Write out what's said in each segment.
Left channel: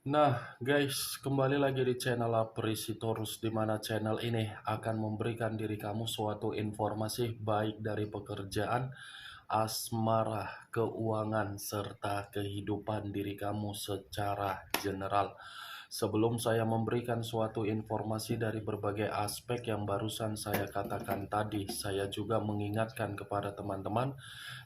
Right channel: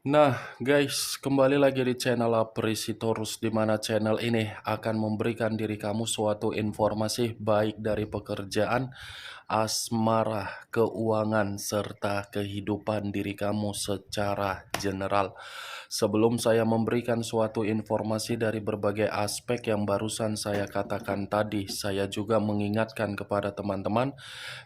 Nah, guys, kembali lagi di channel Aprisitorus, di mana channel ini akan memberikan diri kamu suatu informasi baik dari pekerjaan, asmara, keuangan, serta kehidupan diri kamu secara general. Sebelum saya memberikan suatu informasi dari berbagai aspek yang barusan saya katakan tadi, saya juga mengingatkan kepada teman-teman,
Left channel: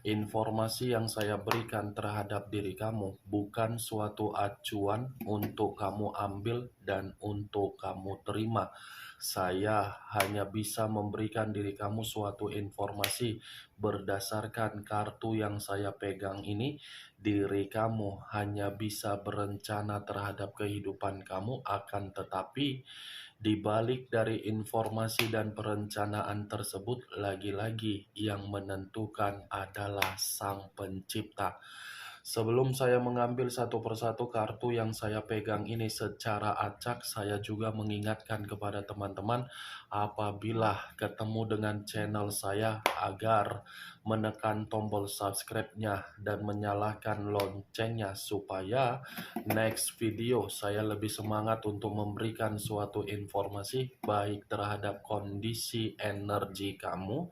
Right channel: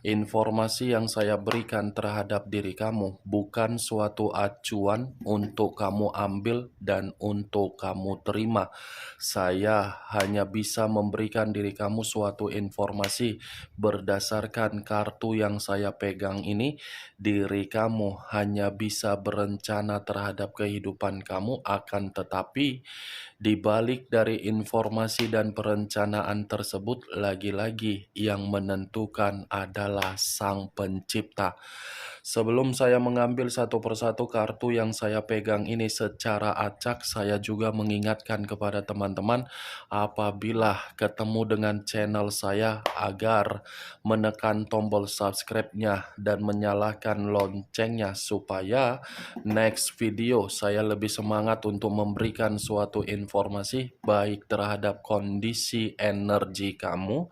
informasi yang saya berikan terhadap diri kamu bukan suatu acuan untuk kamu ambil dan untuk kamu terima. Saya hanya bisa memberikan diri kamu suatu informasi berdasarkan kartu yang saya pegang ini. Diri kamu hanya bisa berencana terhadap kehidupan kamu, akan tetapi di balik dari informasi dan perencanaan tersebut, lagi-lagi yang menentukan adalah Sang Pencipta. Sebelum saya mengambil satu persatu kartu yang saya pegang ini secara acak, saya juga mengingatkan kepada teman-teman apabila ketemu dengan channel saya agar menekan tombol subscribe-nya dan menyalakan loncengnya supaya next video saya lebih semangat untuk memberikan suatu informasi baik terhadap kondisi energi kamu,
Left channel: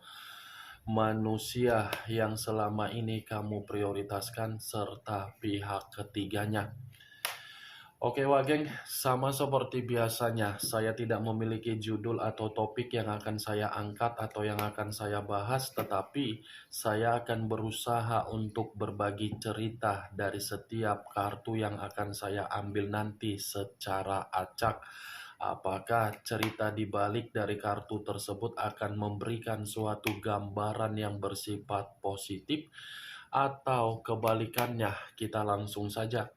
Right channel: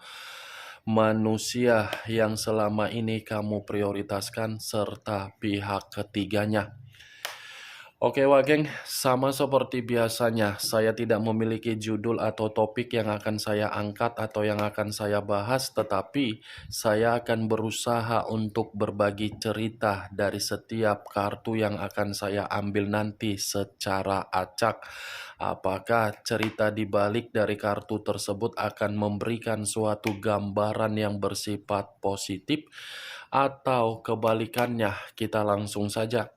manusia yang selama ini kamu prioritaskan, serta pihak ketiganya. Oke Wageng, sama seperti biasanya, saya tidak memiliki judul atau topik yang akan saya angkat atau yang akan saya bahas, tetapi saya akan berusaha untuk berbagi cerita dari setiap kartu yang akan saya ambil nanti secara acak. Apakah cerita di balik dari kartu tersebut akan memberikan suatu gambaran yang bersifat positif atau kebalikannya? Kita langsung saja.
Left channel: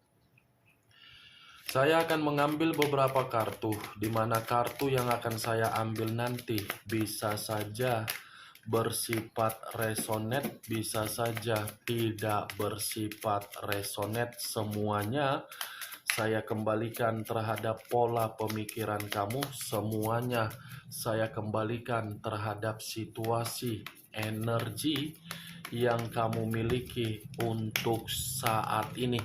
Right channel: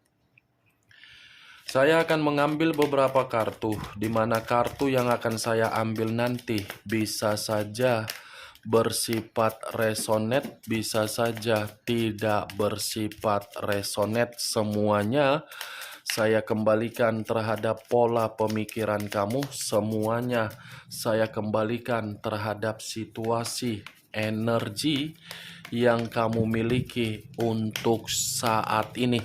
Saya akan mengambil beberapa kartu, di mana kartu yang akan saya ambil nanti bisa saja bersifat resonate, bisa saja tidak bersifat resonate. Semuanya saya kembalikan terhadap pola pemikiran kamu, semuanya saya kembalikan terhadap situasi energi yang kamu miliki untuk saat ini.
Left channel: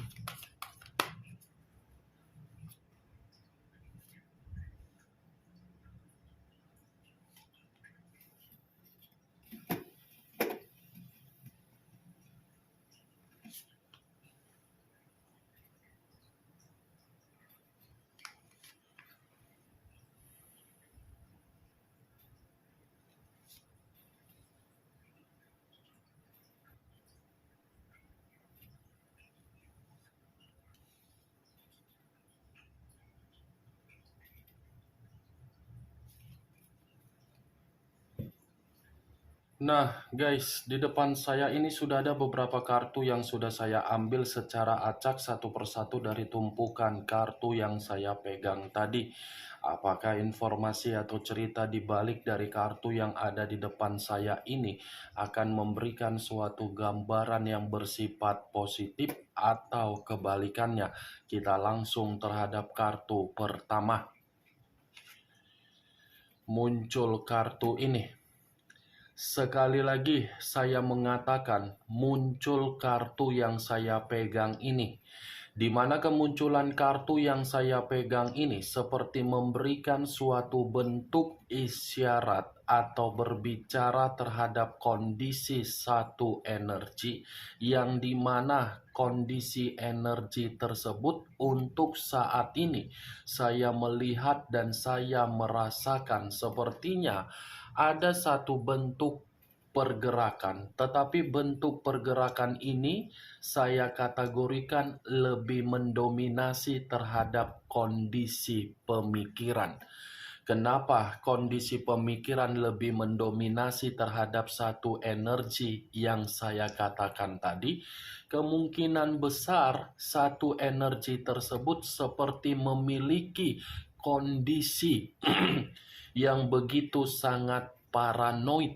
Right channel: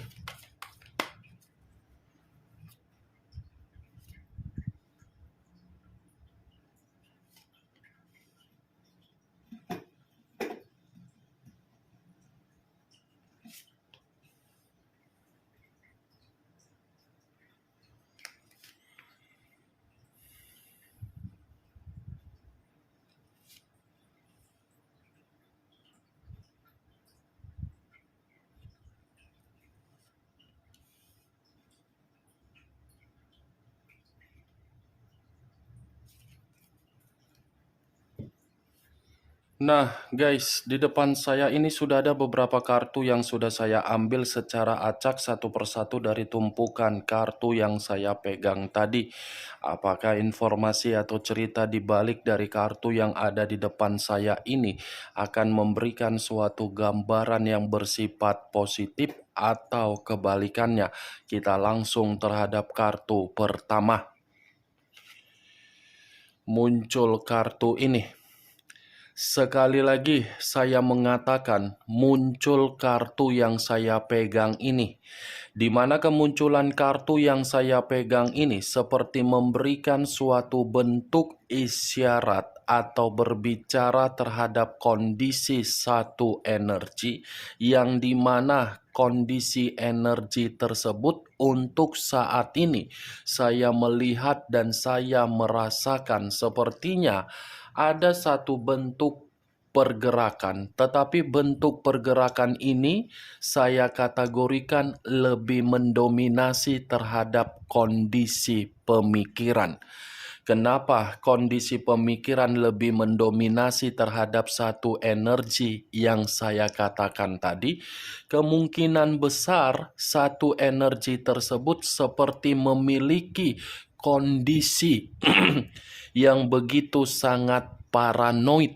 Nah, guys, di depan saya ini sudah ada beberapa kartu yang sudah saya ambil secara acak satu persatu dari tumpukan kartu yang saya pegang tadi. Apakah informasi atau cerita di balik dari kartu yang ada di depan saya ini akan memberikan suatu gambaran yang bersifat positif atau kebalikannya? Kita langsung terhadap kartu pertama. Muncul kartu ini. Sekali lagi saya mengatakan muncul kartu yang saya pegang ini, di mana kemunculan kartu yang saya pegang ini seperti memberikan suatu bentuk isyarat atau berbicara terhadap kondisi satu energi, yang dimana kondisi energi tersebut untuk saat ini saya melihat dan saya merasakan sepertinya ada satu bentuk pergerakan, tetapi bentuk pergerakan ini saya kategorikan lebih mendominasi terhadap kondisi pemikiran. Kenapa kondisi pemikiran lebih mendominasi terhadap satu energi yang saya katakan tadi? Kemungkinan besar satu energi tersebut seperti memiliki kondisi yang begitu sangat paranoid.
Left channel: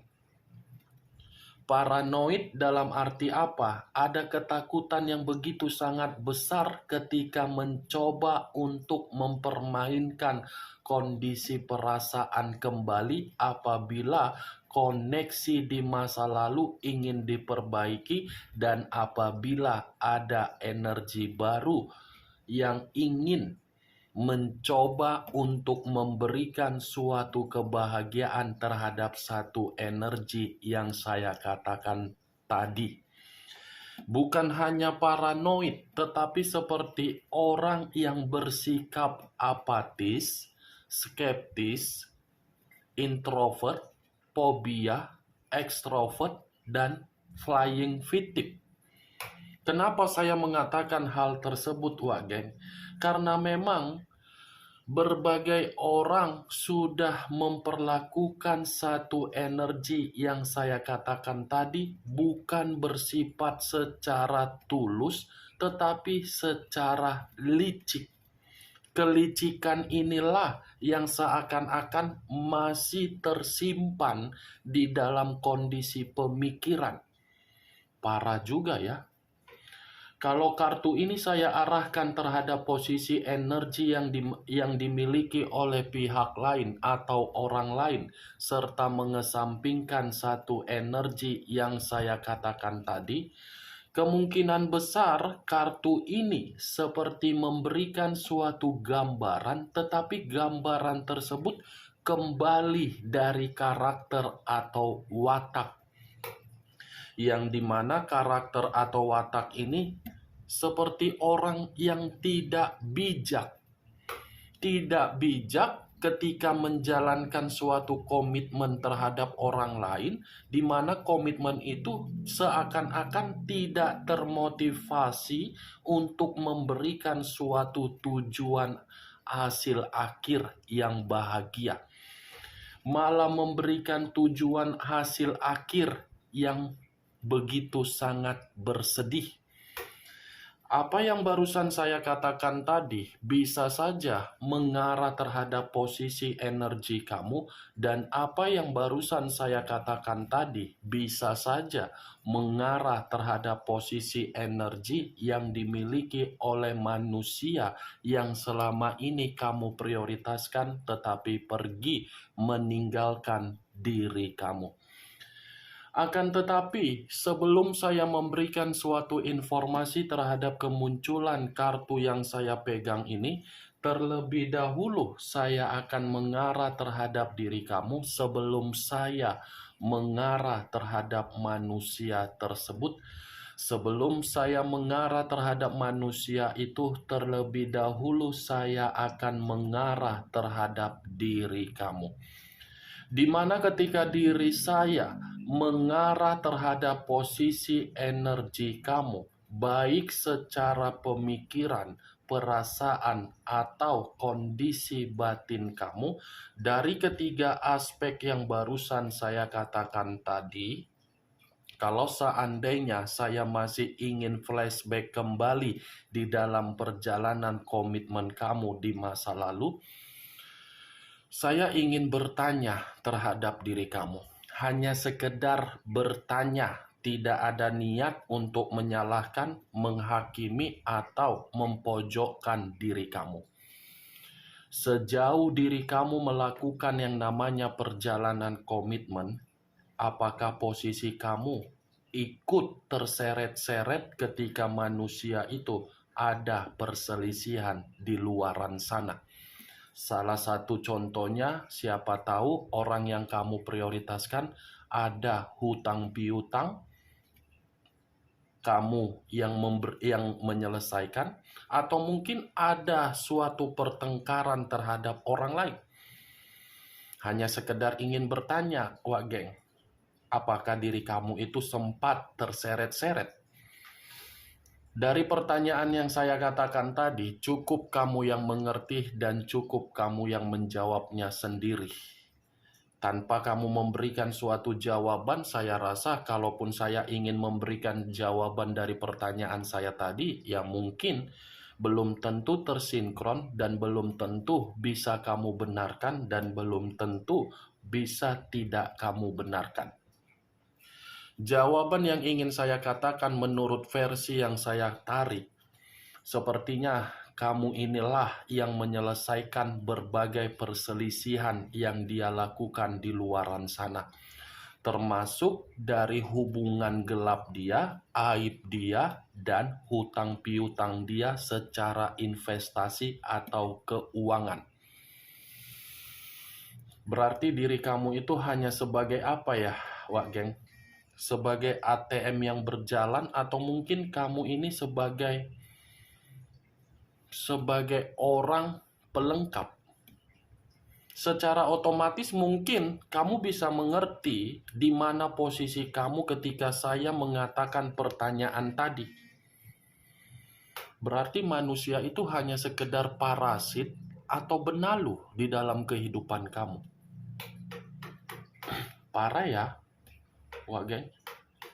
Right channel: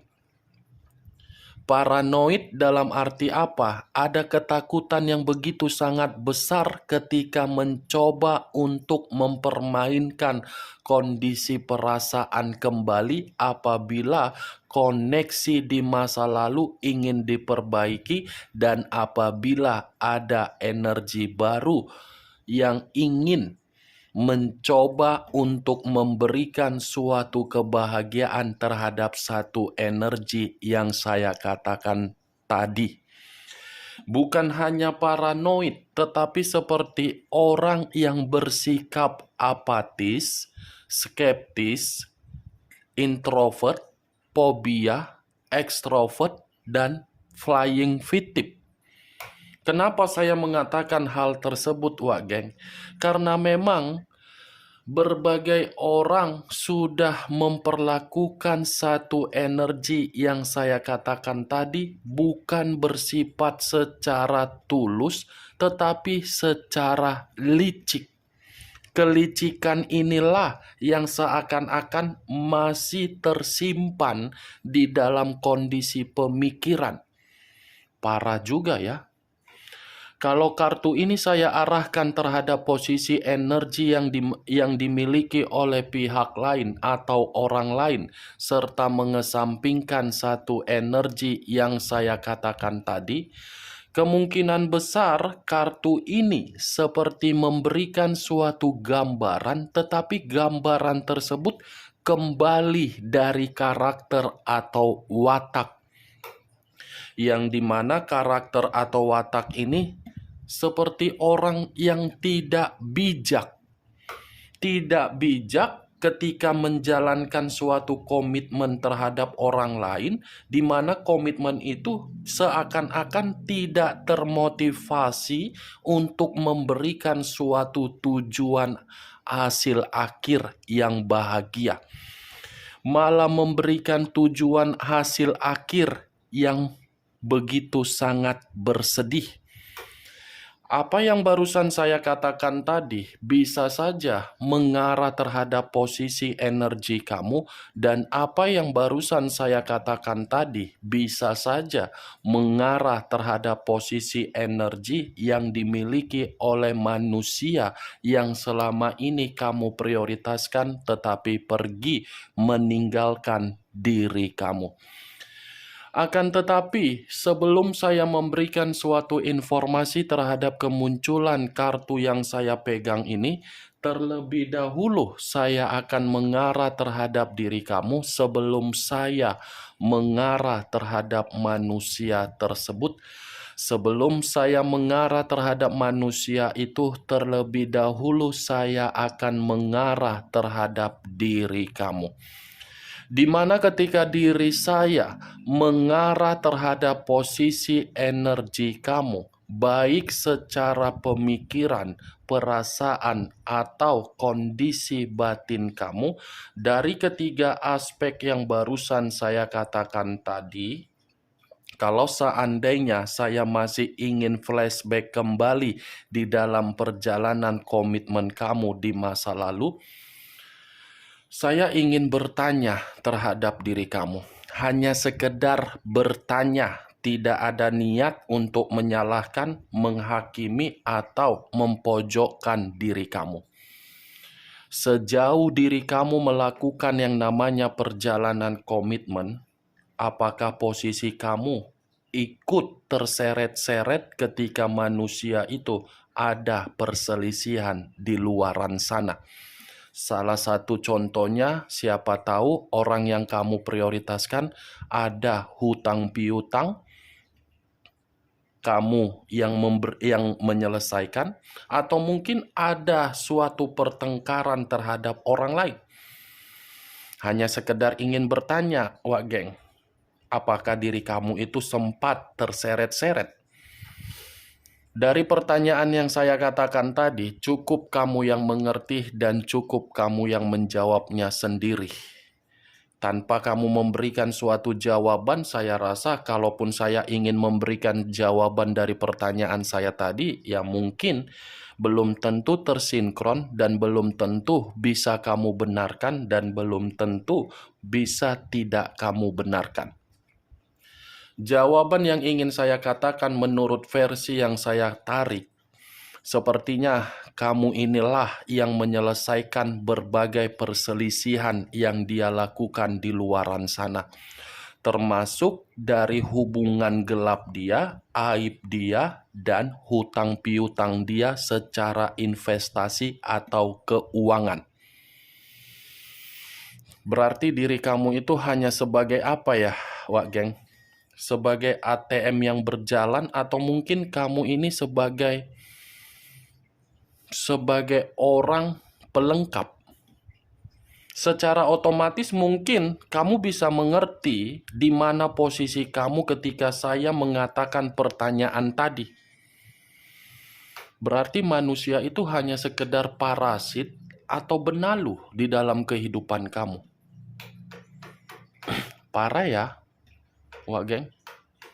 Paranoid dalam arti apa? Ada ketakutan yang begitu sangat besar ketika mencoba untuk mempermainkan kondisi perasaan kembali apabila koneksi di masa lalu ingin diperbaiki dan apabila ada energi baru yang ingin mencoba untuk memberikan suatu kebahagiaan terhadap satu energi yang saya katakan tadi. Bukan hanya paranoid, tetapi seperti orang yang bersikap apatis, skeptis, introvert, fobia, ekstrovert, dan flying victim. Kenapa saya mengatakan hal tersebut, Wak Geng? Karena memang berbagai orang sudah memperlakukan satu energi yang saya katakan tadi bukan bersifat secara tulus, tetapi secara licik. Kelicikan inilah yang seakan-akan masih tersimpan di dalam kondisi pemikiran. Parah juga ya. Kalau kartu ini saya arahkan terhadap posisi energi yang dimiliki oleh pihak lain atau orang lain, serta mengesampingkan satu energi yang saya katakan tadi, kemungkinan besar kartu ini seperti memberikan suatu gambaran, tetapi gambaran tersebut kembali dari karakter atau watak, yang dimana karakter atau watak ini seperti orang yang tidak bijak. Tidak bijak ketika menjalankan suatu komitmen terhadap orang lain, di mana komitmen itu seakan-akan tidak termotivasi untuk memberikan suatu tujuan hasil akhir yang bahagia, malah memberikan tujuan hasil akhir yang begitu sangat bersedih. Apa yang barusan saya katakan tadi bisa saja mengarah terhadap posisi energi kamu, dan apa yang barusan saya katakan tadi bisa saja mengarah terhadap posisi energi yang dimiliki oleh manusia yang selama ini kamu prioritaskan tetapi pergi meninggalkan diri kamu. Akan tetapi, sebelum saya memberikan suatu informasi terhadap kemunculan kartu yang saya pegang ini, terlebih dahulu saya akan mengarah terhadap diri kamu sebelum saya mengarah terhadap manusia tersebut. Sebelum saya mengarah terhadap manusia itu, terlebih dahulu saya akan mengarah terhadap diri kamu. Di mana ketika diri saya mengarah terhadap posisi energi kamu, baik secara pemikiran, perasaan, atau kondisi batin kamu, dari ketiga aspek yang barusan saya katakan tadi, kalau seandainya saya masih ingin flashback kembali di dalam perjalanan komitmen kamu di masa lalu, saya ingin bertanya terhadap diri kamu. Hanya sekedar bertanya, tidak ada niat untuk menyalahkan, menghakimi, atau mempojokkan diri kamu. Sejauh diri kamu melakukan yang namanya perjalanan komitmen, apakah posisi kamu ikut terseret-seret ketika manusia itu ada perselisihan di luaran sana? Salah satu contohnya, siapa tahu orang yang kamu prioritaskan ada hutang piutang, kamu yang menyelesaikan, atau mungkin ada suatu pertengkaran terhadap orang lain. Hanya sekedar ingin bertanya, Wak Geng, apakah diri kamu itu sempat terseret-seret? Dari pertanyaan yang saya katakan tadi, cukup kamu yang mengerti dan cukup kamu yang menjawabnya sendiri. Tanpa kamu memberikan suatu jawaban, saya rasa kalaupun saya ingin memberikan jawaban dari pertanyaan saya tadi, ya mungkin belum tentu tersinkron dan belum tentu bisa kamu benarkan dan belum tentu bisa tidak kamu benarkan. Jawaban yang ingin saya katakan menurut versi yang saya tarik, sepertinya kamu inilah yang menyelesaikan berbagai perselisihan yang dia lakukan di luaran sana. termasuk dari hubungan gelap dia, aib dia, dan hutang piutang dia secara investasi atau keuangan. Berarti diri kamu itu hanya sebagai apa ya, Wak Geng? Sebagai ATM yang berjalan, atau mungkin kamu ini sebagai orang pelengkap. Secara otomatis mungkin kamu bisa mengerti di mana posisi kamu ketika saya mengatakan pertanyaan tadi. Berarti manusia itu hanya sekedar parasit atau benalu di dalam kehidupan kamu. Parah ya, Wak Geng.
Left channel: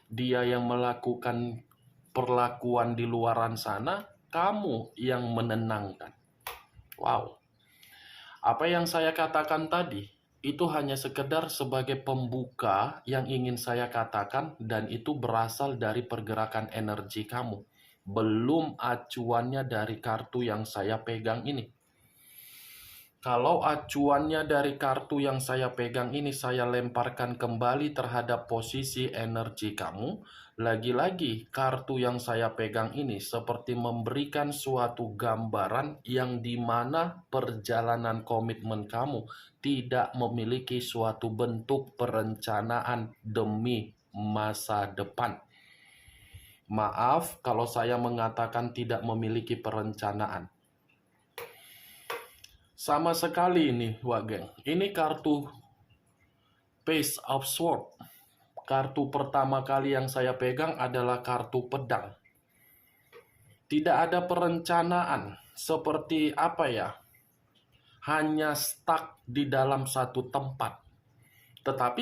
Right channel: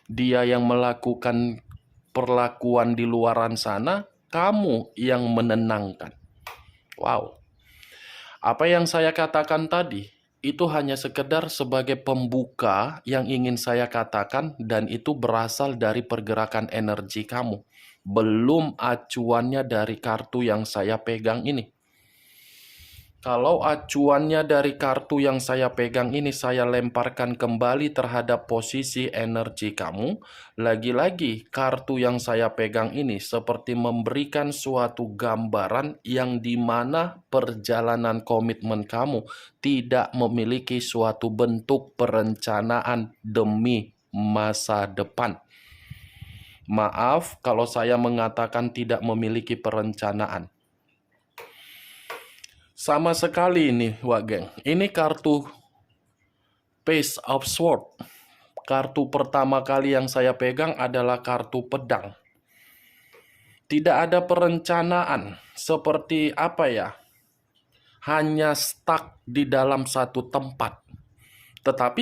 Dia yang melakukan perlakuan di luaran sana, kamu yang menenangkan. Wow. Apa yang saya katakan tadi, itu hanya sekedar sebagai pembuka yang ingin saya katakan, dan itu berasal dari pergerakan energi kamu. Belum acuannya dari kartu yang saya pegang ini. Kalau acuannya dari kartu yang saya pegang ini saya lemparkan kembali terhadap posisi energi kamu, lagi-lagi kartu yang saya pegang ini seperti memberikan suatu gambaran yang dimana perjalanan komitmen kamu tidak memiliki suatu bentuk perencanaan demi masa depan. Maaf kalau saya mengatakan tidak memiliki perencanaan. Sama sekali ini, Wak Geng. Ini kartu Page of Sword. Kartu pertama kali yang saya pegang adalah kartu pedang. Tidak ada perencanaan. Seperti apa ya? Hanya stuck di dalam satu tempat. Tetapi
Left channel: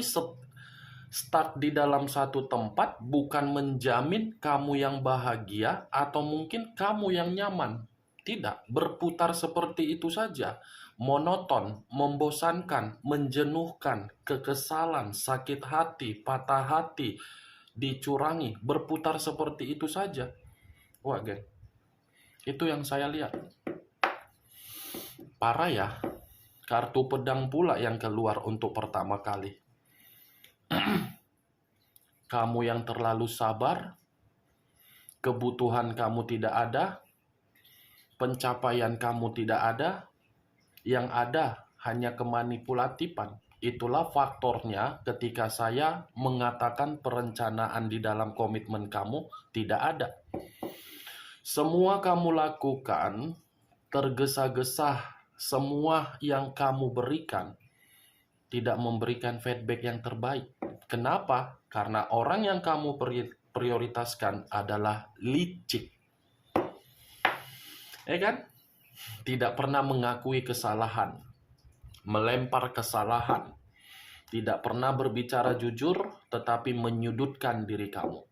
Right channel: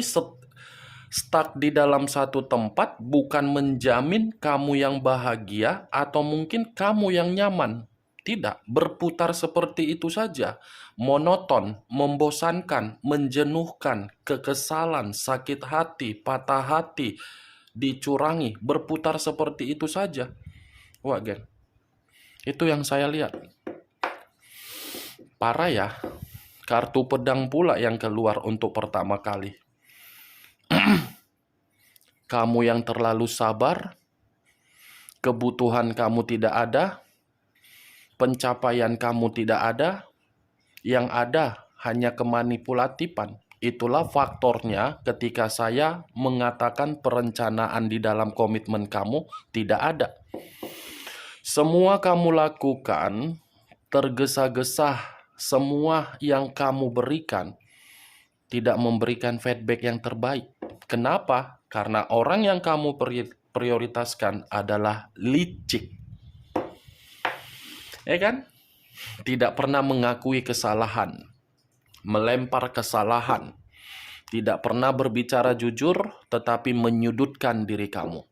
stuck di dalam satu tempat bukan menjamin kamu yang bahagia atau mungkin kamu yang nyaman. Tidak, berputar seperti itu saja. Monoton, membosankan, menjenuhkan, kekesalan, sakit hati, patah hati, dicurangi, berputar seperti itu saja. Wah, Gen. Itu yang saya lihat. Parah ya. Kartu pedang pula yang keluar untuk pertama kali. Kamu yang terlalu sabar, kebutuhan kamu tidak ada, pencapaian kamu tidak ada, yang ada hanya kemanipulatifan. Itulah faktornya ketika saya mengatakan perencanaan di dalam komitmen kamu tidak ada. Semua kamu lakukan tergesa-gesa, semua yang kamu berikan tidak memberikan feedback yang terbaik. Kenapa? Karena orang yang kamu prioritaskan adalah licik. Ya kan? Tidak pernah mengakui kesalahan, melempar kesalahan, tidak pernah berbicara jujur, tetapi menyudutkan diri kamu.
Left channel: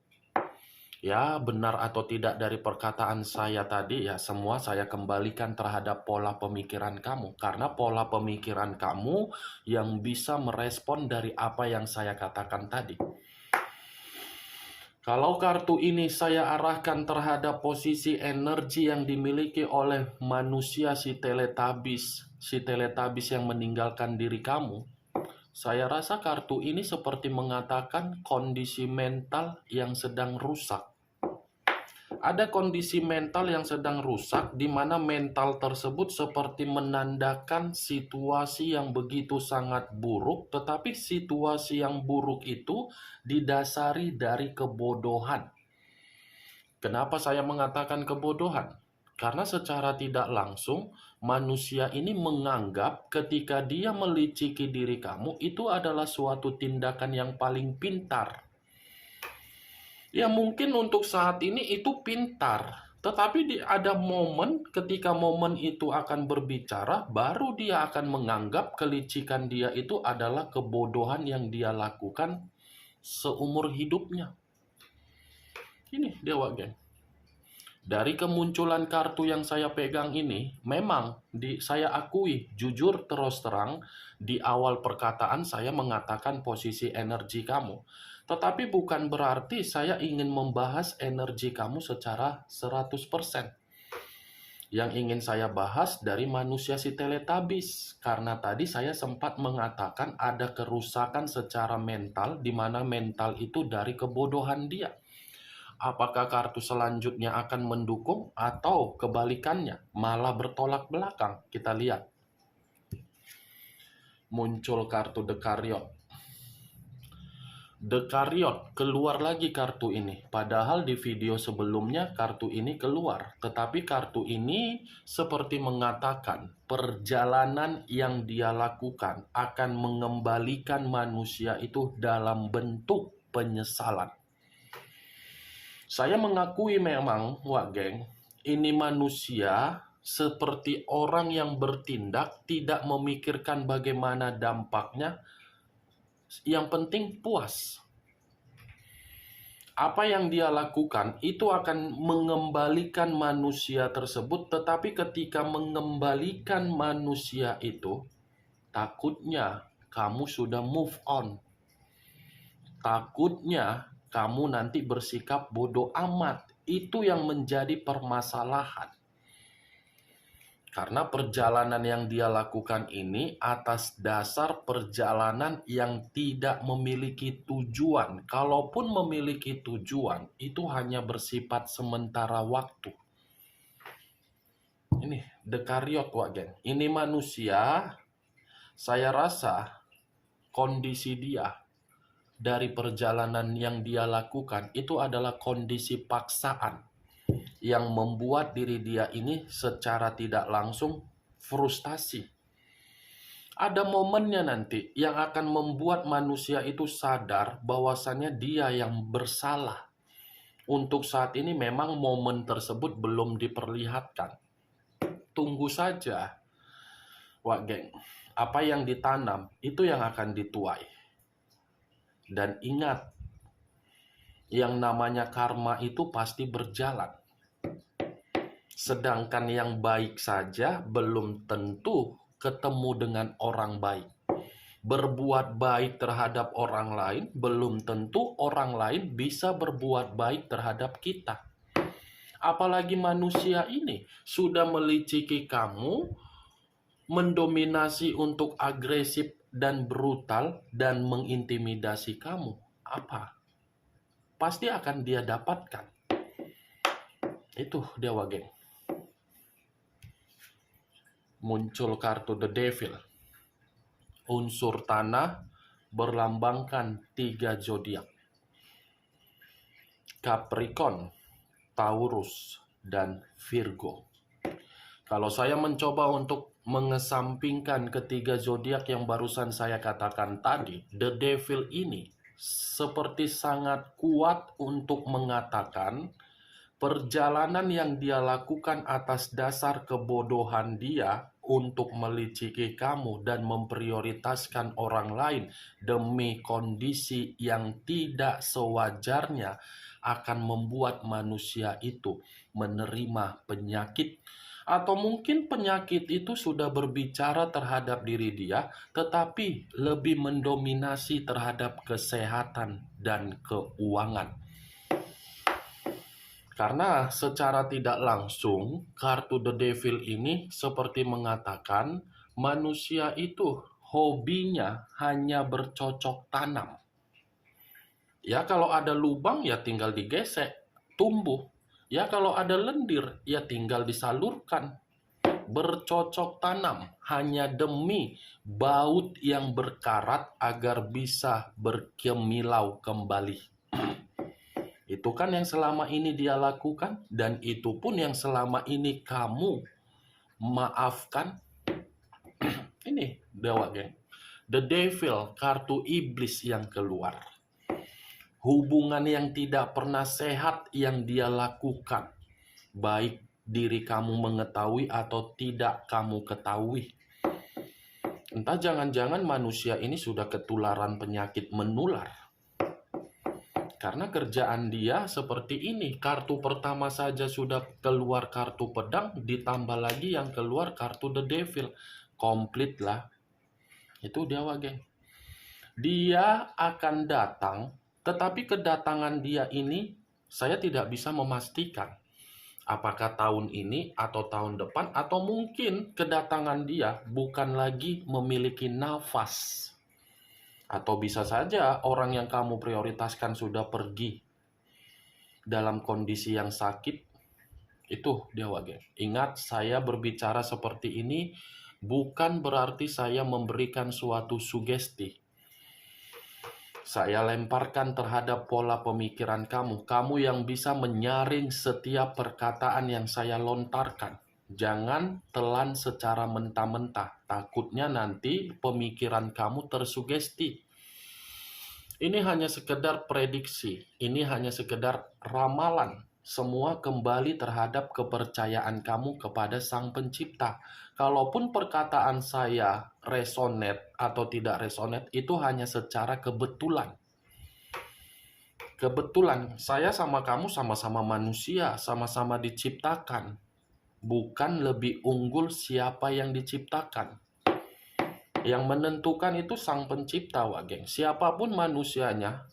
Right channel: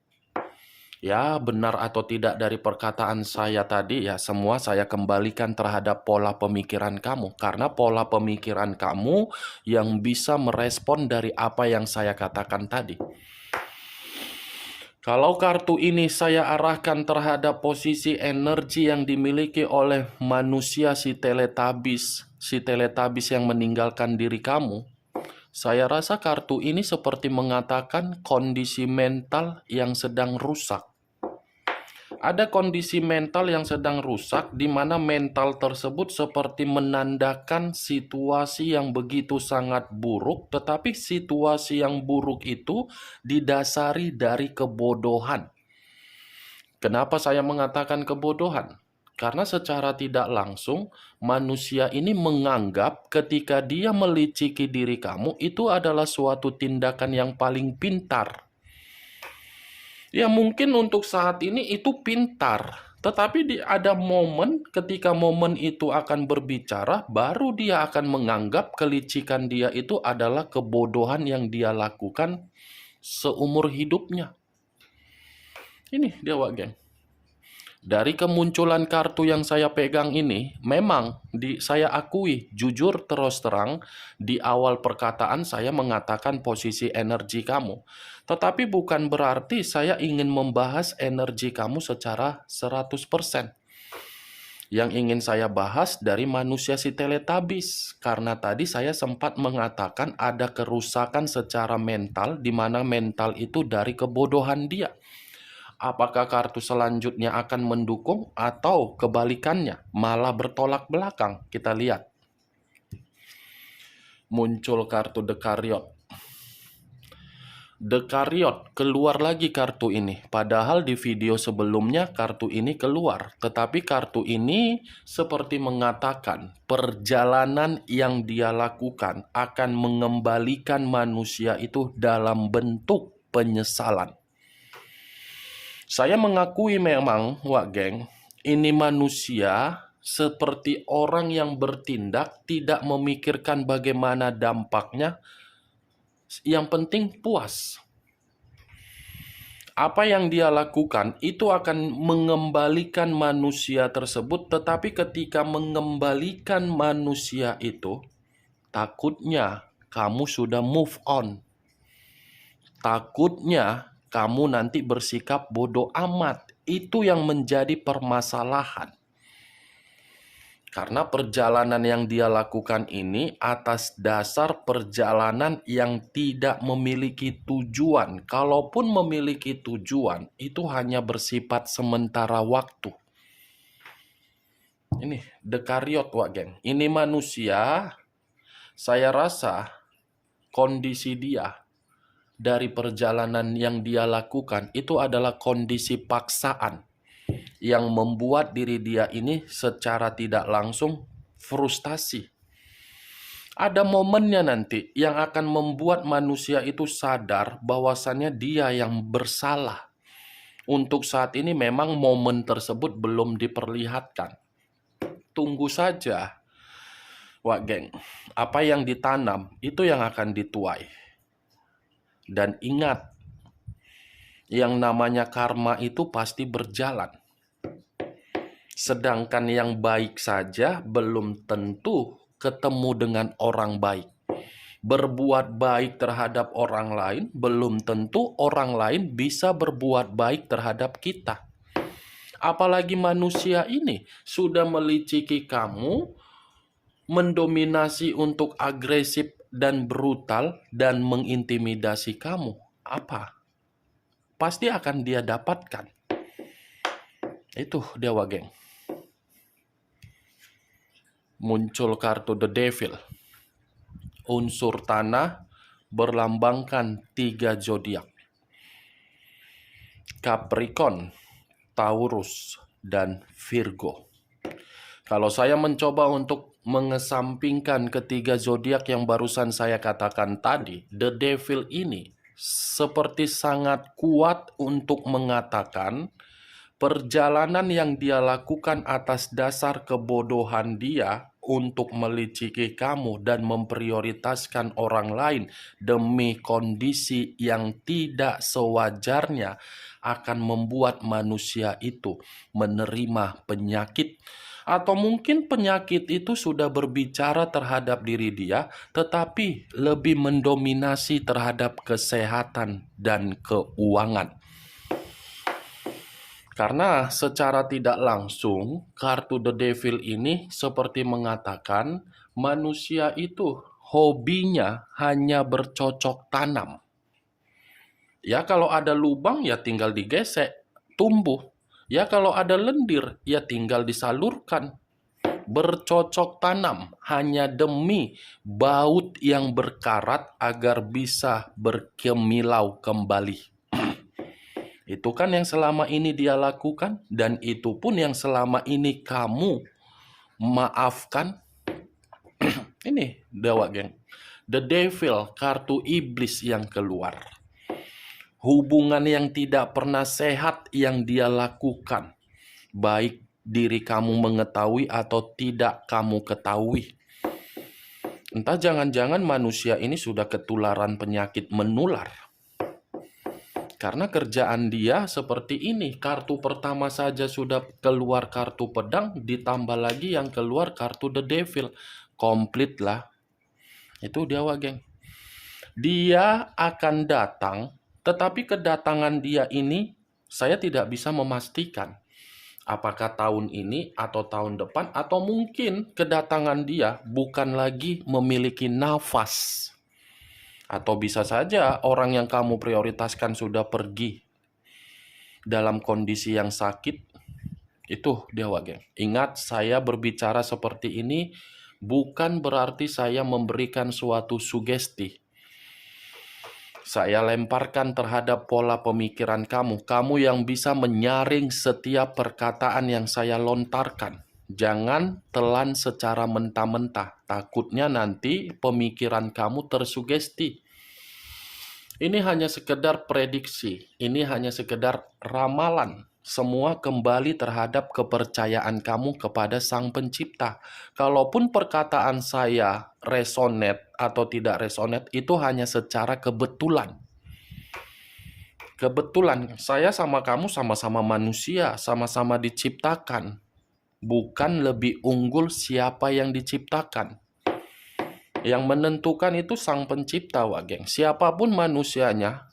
Ya, benar atau tidak dari perkataan saya tadi, ya semua saya kembalikan terhadap pola pemikiran kamu. Karena pola pemikiran kamu yang bisa merespon dari apa yang saya katakan tadi. Kalau kartu ini saya arahkan terhadap posisi energi yang dimiliki oleh manusia si teletabis yang meninggalkan diri kamu, saya rasa kartu ini seperti mengatakan kondisi mental yang sedang rusak. Ada kondisi mental yang sedang rusak di mana mental tersebut seperti menandakan situasi yang begitu sangat buruk, tetapi situasi yang buruk itu didasari dari kebodohan. Kenapa saya mengatakan kebodohan? Karena secara tidak langsung manusia ini menganggap ketika dia meliciki diri kamu itu adalah suatu tindakan yang paling pintar. Ya mungkin untuk saat ini itu pintar, tetapi ada momen ketika momen itu akan berbicara, baru dia akan menganggap kelicikan dia itu adalah kebodohan yang dia lakukan seumur hidupnya. Ini dia, Wak Geng. Dari kemunculan kartu yang saya pegang ini, memang saya akui, jujur terus terang, di awal perkataan saya mengatakan posisi energi kamu. Tetapi bukan berarti saya ingin membahas energi kamu secara 100%. Yang ingin saya bahas dari manusia si Teletubbies, karena tadi saya sempat mengatakan ada kerusakan secara mental, di mana mental itu dari kebodohan dia. Apakah kartu selanjutnya akan mendukung atau kebalikannya, malah bertolak belakang? Kita lihat. Muncul kartu The Chariot. The Chariot, keluar lagi kartu ini. Padahal di video sebelumnya kartu ini keluar. Tetapi kartu ini seperti mengatakan perjalanan yang dia lakukan akan mengembalikan manusia itu dalam bentuk penyesalan. Saya mengakui memang, Wak Geng, ini manusia seperti orang yang bertindak tidak memikirkan bagaimana dampaknya. Yang penting puas. Apa yang dia lakukan itu akan mengembalikan manusia tersebut, tetapi ketika mengembalikan manusia itu, takutnya kamu sudah move on. Takutnya kamu nanti bersikap bodoh amat. Itu yang menjadi permasalahan. Karena perjalanan yang dia lakukan ini atas dasar perjalanan yang tidak memiliki tujuan. Kalaupun memiliki tujuan, itu hanya bersifat sementara waktu. Ini The Chariot, Wak Geng. Ini manusia, saya rasa kondisi dia dari perjalanan yang dia lakukan itu adalah kondisi paksaan yang membuat diri dia ini secara tidak langsung frustasi. Ada momennya nanti yang akan membuat manusia itu sadar bahwasannya dia yang bersalah. Untuk saat ini memang momen tersebut belum diperlihatkan. Tunggu saja, Wak Geng. Apa yang ditanam itu yang akan dituai. Dan ingat, yang namanya karma itu pasti berjalan. Sedangkan yang baik saja belum tentu ketemu dengan orang baik. Berbuat baik terhadap orang lain belum tentu orang lain bisa berbuat baik terhadap kita. Apalagi manusia ini sudah meliciki kamu, mendominasi untuk agresif dan brutal dan mengintimidasi kamu. Apa? Pasti akan dia dapatkan. Itu dia, Wak Geng. Muncul kartu The Devil. Unsur tanah berlambangkan 3 zodiak. Capricorn, Taurus, dan Virgo. Kalau saya mencoba untuk mengesampingkan ketiga zodiak yang barusan saya katakan tadi, The Devil ini seperti sangat kuat untuk mengatakan perjalanan yang dia lakukan atas dasar kebodohan dia untuk meliciki kamu dan memprioritaskan orang lain demi kondisi yang tidak sewajarnya akan membuat manusia itu menerima penyakit. Atau mungkin penyakit itu sudah berbicara terhadap diri dia, tetapi lebih mendominasi terhadap kesehatan dan keuangan. Karena secara tidak langsung, kartu The Devil ini seperti mengatakan manusia itu hobinya hanya bercocok tanam. Ya kalau ada lubang ya tinggal digesek, tumbuh. Ya kalau ada lendir ya tinggal disalurkan. Bercocok tanam hanya demi baut yang berkarat agar bisa berkemilau kembali. Itu kan yang selama ini dia lakukan, dan itu pun yang selama ini kamu maafkan. Ini Dewa Geng. The Devil, kartu iblis yang keluar. Hubungan yang tidak pernah sehat yang dia lakukan. Baik diri kamu mengetahui atau tidak kamu ketahui. Entah jangan-jangan manusia ini sudah ketularan penyakit menular. Karena kerjaan dia seperti ini. Kartu pertama saja sudah keluar kartu pedang, ditambah lagi yang keluar kartu The Devil. Komplit lah. Itu dia, Wak Geng. Dia akan datang, tetapi kedatangan dia ini saya tidak bisa memastikan. Apakah tahun ini atau tahun depan, atau mungkin kedatangan dia bukan lagi memiliki nafas. Atau bisa saja orang yang kamu prioritaskan sudah pergi dalam kondisi yang sakit. Itu dia Wage. Ingat, saya berbicara seperti ini bukan berarti saya memberikan suatu sugesti. Saya lemparkan terhadap pola pemikiran kamu. Kamu yang bisa menyaring setiap perkataan yang saya lontarkan. Jangan telan secara mentah-mentah. Takutnya nanti pemikiran kamu tersugesti. Ini hanya sekedar prediksi. Ini hanya sekedar ramalan. Semua kembali terhadap kepercayaan kamu kepada Sang Pencipta. Kalaupun perkataan saya resonate atau tidak resonate, itu hanya secara kebetulan. Kebetulan saya sama kamu sama-sama manusia, sama-sama diciptakan. Bukan lebih unggul siapa yang diciptakan. Yang menentukan itu Sang Pencipta, Wageng. Siapapun manusianya,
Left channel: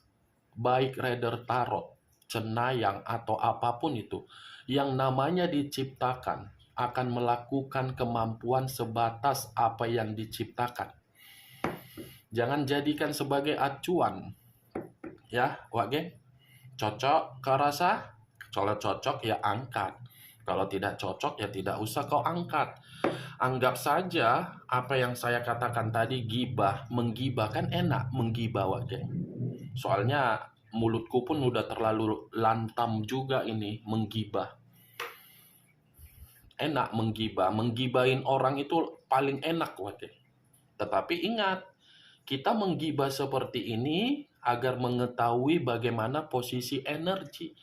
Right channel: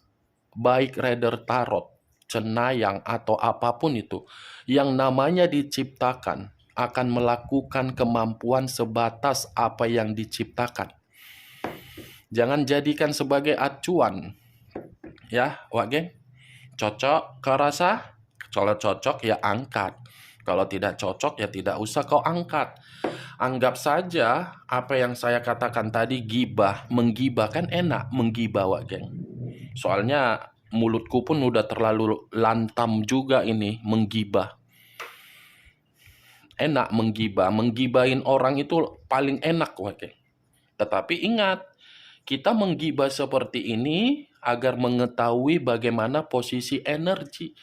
baik Rider Tarot, Cenayang, atau apapun itu, yang namanya diciptakan akan melakukan kemampuan sebatas apa yang diciptakan. Jangan jadikan sebagai acuan. Ya, Wageng. Cocok kau rasa? Kalau cocok ya angkat. Kalau tidak cocok ya tidak usah kau angkat. Anggap saja apa yang saya katakan tadi gibah. Menggibah kan enak menggibah, Wageng. Soalnya mulutku pun udah terlalu lantam juga ini menggibah. Enak menggibah. Menggibahin orang itu paling enak, Wageng. Tetapi ingat, kita menggibah seperti ini agar mengetahui bagaimana posisi energi.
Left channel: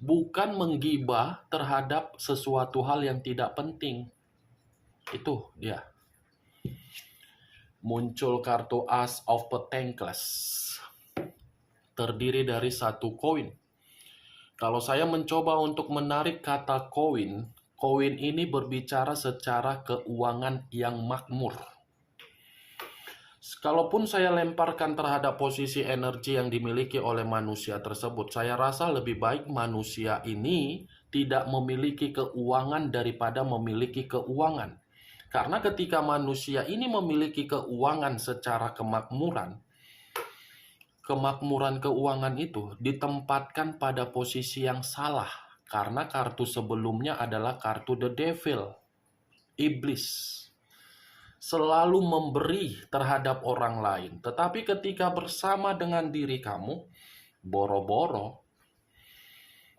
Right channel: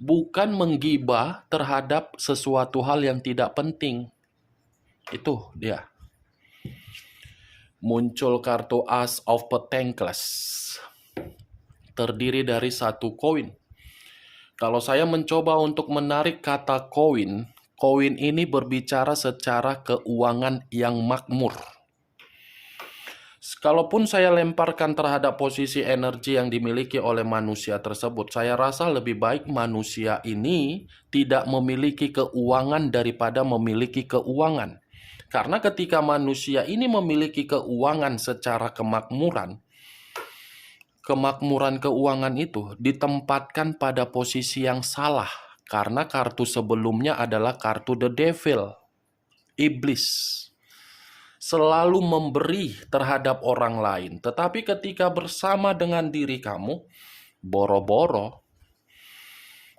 Bukan menggibah terhadap sesuatu hal yang tidak penting. Itu dia. Muncul kartu As of Pentacles. Terdiri dari satu koin. Kalau saya mencoba untuk menarik kata koin, koin ini berbicara secara keuangan yang makmur. Kalaupun saya lemparkan terhadap posisi energi yang dimiliki oleh manusia tersebut, saya rasa lebih baik manusia ini tidak memiliki keuangan daripada memiliki keuangan. Karena ketika manusia ini memiliki keuangan secara kemakmuran, kemakmuran keuangan itu ditempatkan pada posisi yang salah. Karena kartu sebelumnya adalah kartu The Devil, iblis. Selalu memberi terhadap orang lain. Tetapi ketika bersama dengan diri kamu, boro-boro,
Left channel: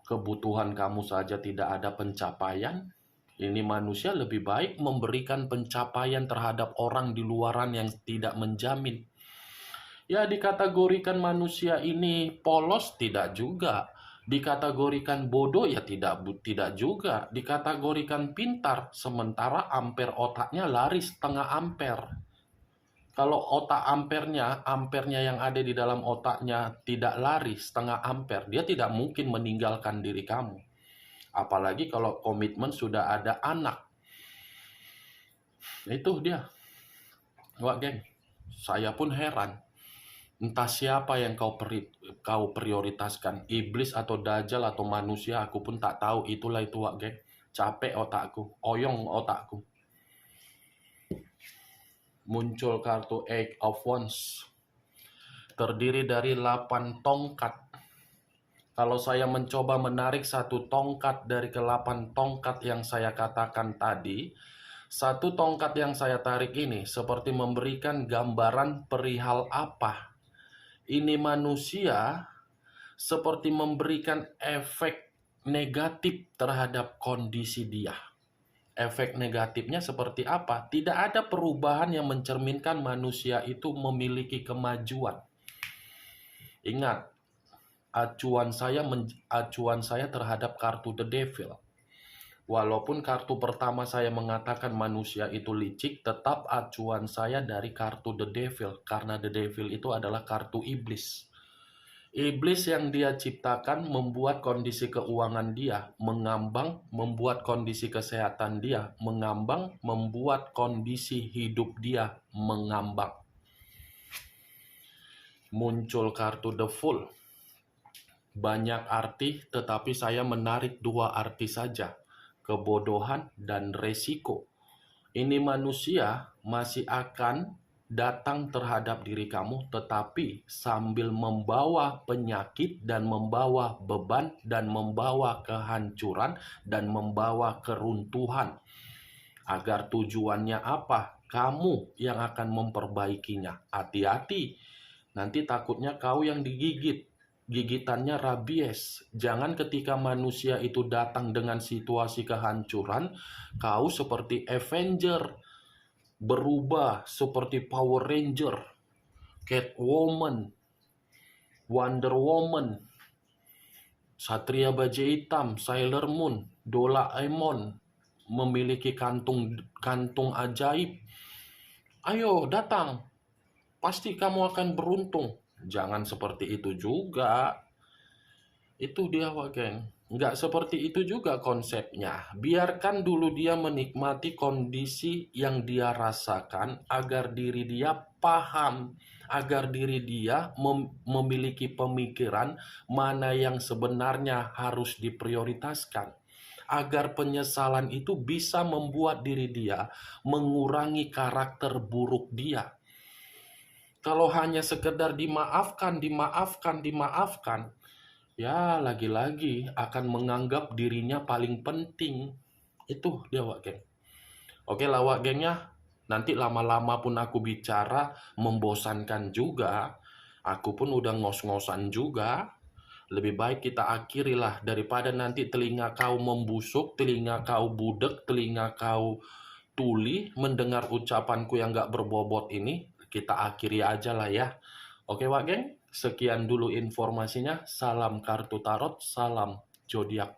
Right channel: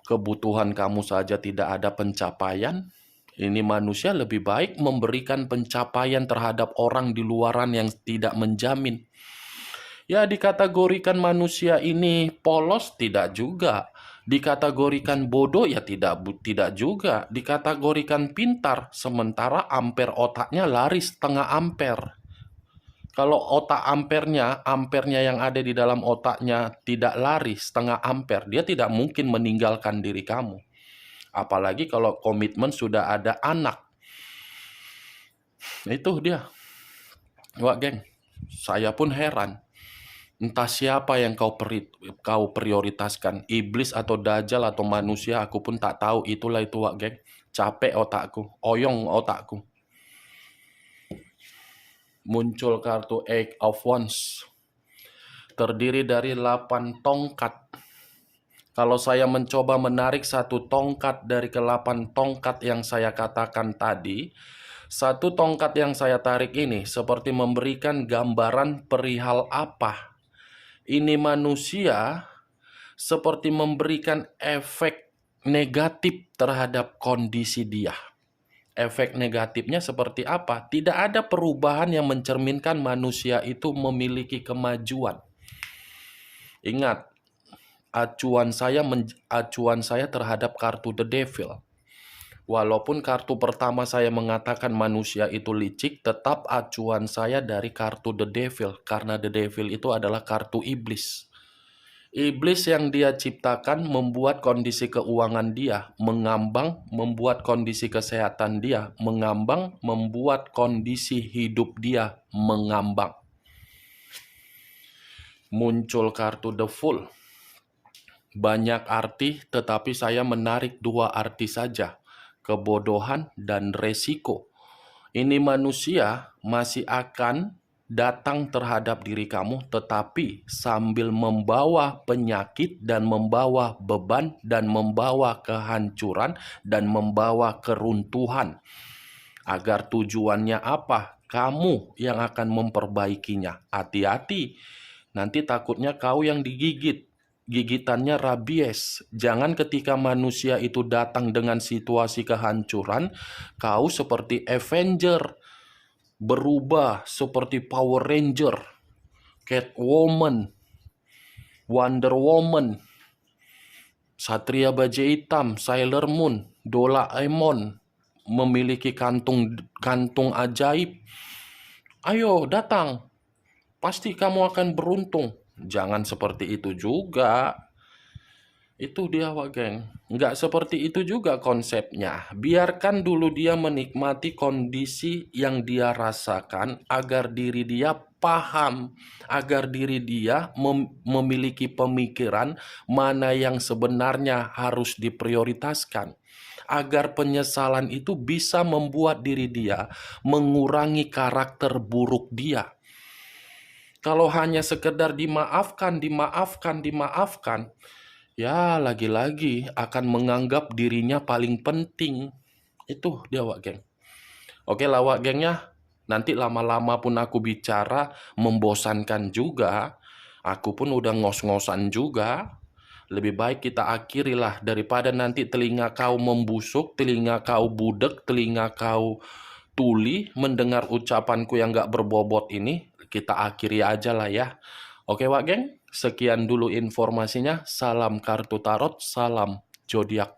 kebutuhan kamu saja tidak ada pencapaian. Ini manusia lebih baik memberikan pencapaian terhadap orang di luaran yang tidak menjamin. Ya, dikategorikan manusia ini polos tidak juga. Dikategorikan bodoh ya tidak juga. Dikategorikan pintar sementara ampere otaknya lari setengah ampere. Kalau otak ampernya yang ada di dalam otaknya tidak lari setengah ampere, dia tidak mungkin meninggalkan diri kamu. Apalagi kalau komitmen sudah ada anak. Itu dia. Wah, geng. Saya pun heran. Entah siapa yang kau prioritaskan, iblis atau dajjal atau manusia, aku pun tak tahu. Itulah itu, Wak Geng. Capek otakku, oyong otakku. Muncul kartu Eight of Wands. Terdiri dari 8 tongkat. Kalau saya mencoba menarik satu tongkat dari ke-8 tongkat yang saya katakan tadi, satu tongkat yang saya tarik ini seperti memberikan gambaran perihal apa. Ini manusia seperti memberikan efek negatif terhadap kondisi dia. Efek negatifnya seperti apa? Tidak ada perubahan yang mencerminkan manusia itu memiliki kemajuan. Ingat, acuan saya terhadap kartu The Devil. Walaupun kartu pertama saya mengatakan manusia itu licik, tetap acuan saya dari kartu The Devil. Karena The Devil itu adalah kartu iblis. Iblis yang dia ciptakan membuat kondisi keuangan dia mengambang, membuat kondisi kesehatan dia mengambang, membuat kondisi hidup dia mengambang. Muncul kartu The Fool. Banyak arti, tetapi saya menarik 2 arti saja. kebodohan, dan resiko. Ini manusia masih akan datang terhadap diri kamu, tetapi sambil membawa penyakit dan membawa beban dan membawa kehancuran dan membawa keruntuhan. Agar tujuannya apa? Kamu yang akan memperbaikinya. Hati-hati, nanti takutnya kau yang digigit. Gigitannya rabies. Jangan ketika manusia itu datang dengan situasi kehancuran, kau seperti Avenger, berubah seperti Power Ranger, Catwoman, Wonder Woman, Satria Baja Hitam, Sailor Moon, Doraemon, memiliki kantung ajaib. Ayo datang, pasti kamu akan beruntung. Jangan seperti itu juga. Itu dia, Wak Geng. Nggak seperti itu juga konsepnya. Biarkan dulu dia menikmati kondisi yang dia rasakan agar diri dia paham, agar diri dia memiliki pemikiran mana yang sebenarnya harus diprioritaskan. Agar penyesalan itu bisa membuat diri dia mengurangi karakter buruk dia. Kalau hanya sekedar dimaafkan, ya lagi-lagi akan menganggap dirinya paling penting. Itu dia, Wak Geng. Oke lah, Wak Gengnya. Nanti lama-lama pun aku bicara membosankan juga. Aku pun udah ngos-ngosan juga. Lebih baik kita akhirilah daripada nanti telinga kau membusuk, telinga kau budek, telinga kau tuli mendengar ucapanku yang gak berbobot ini. Kita akhiri aja lah ya. Oke, Wak Geng, sekian dulu informasinya. Salam kartu tarot, salam zodiak.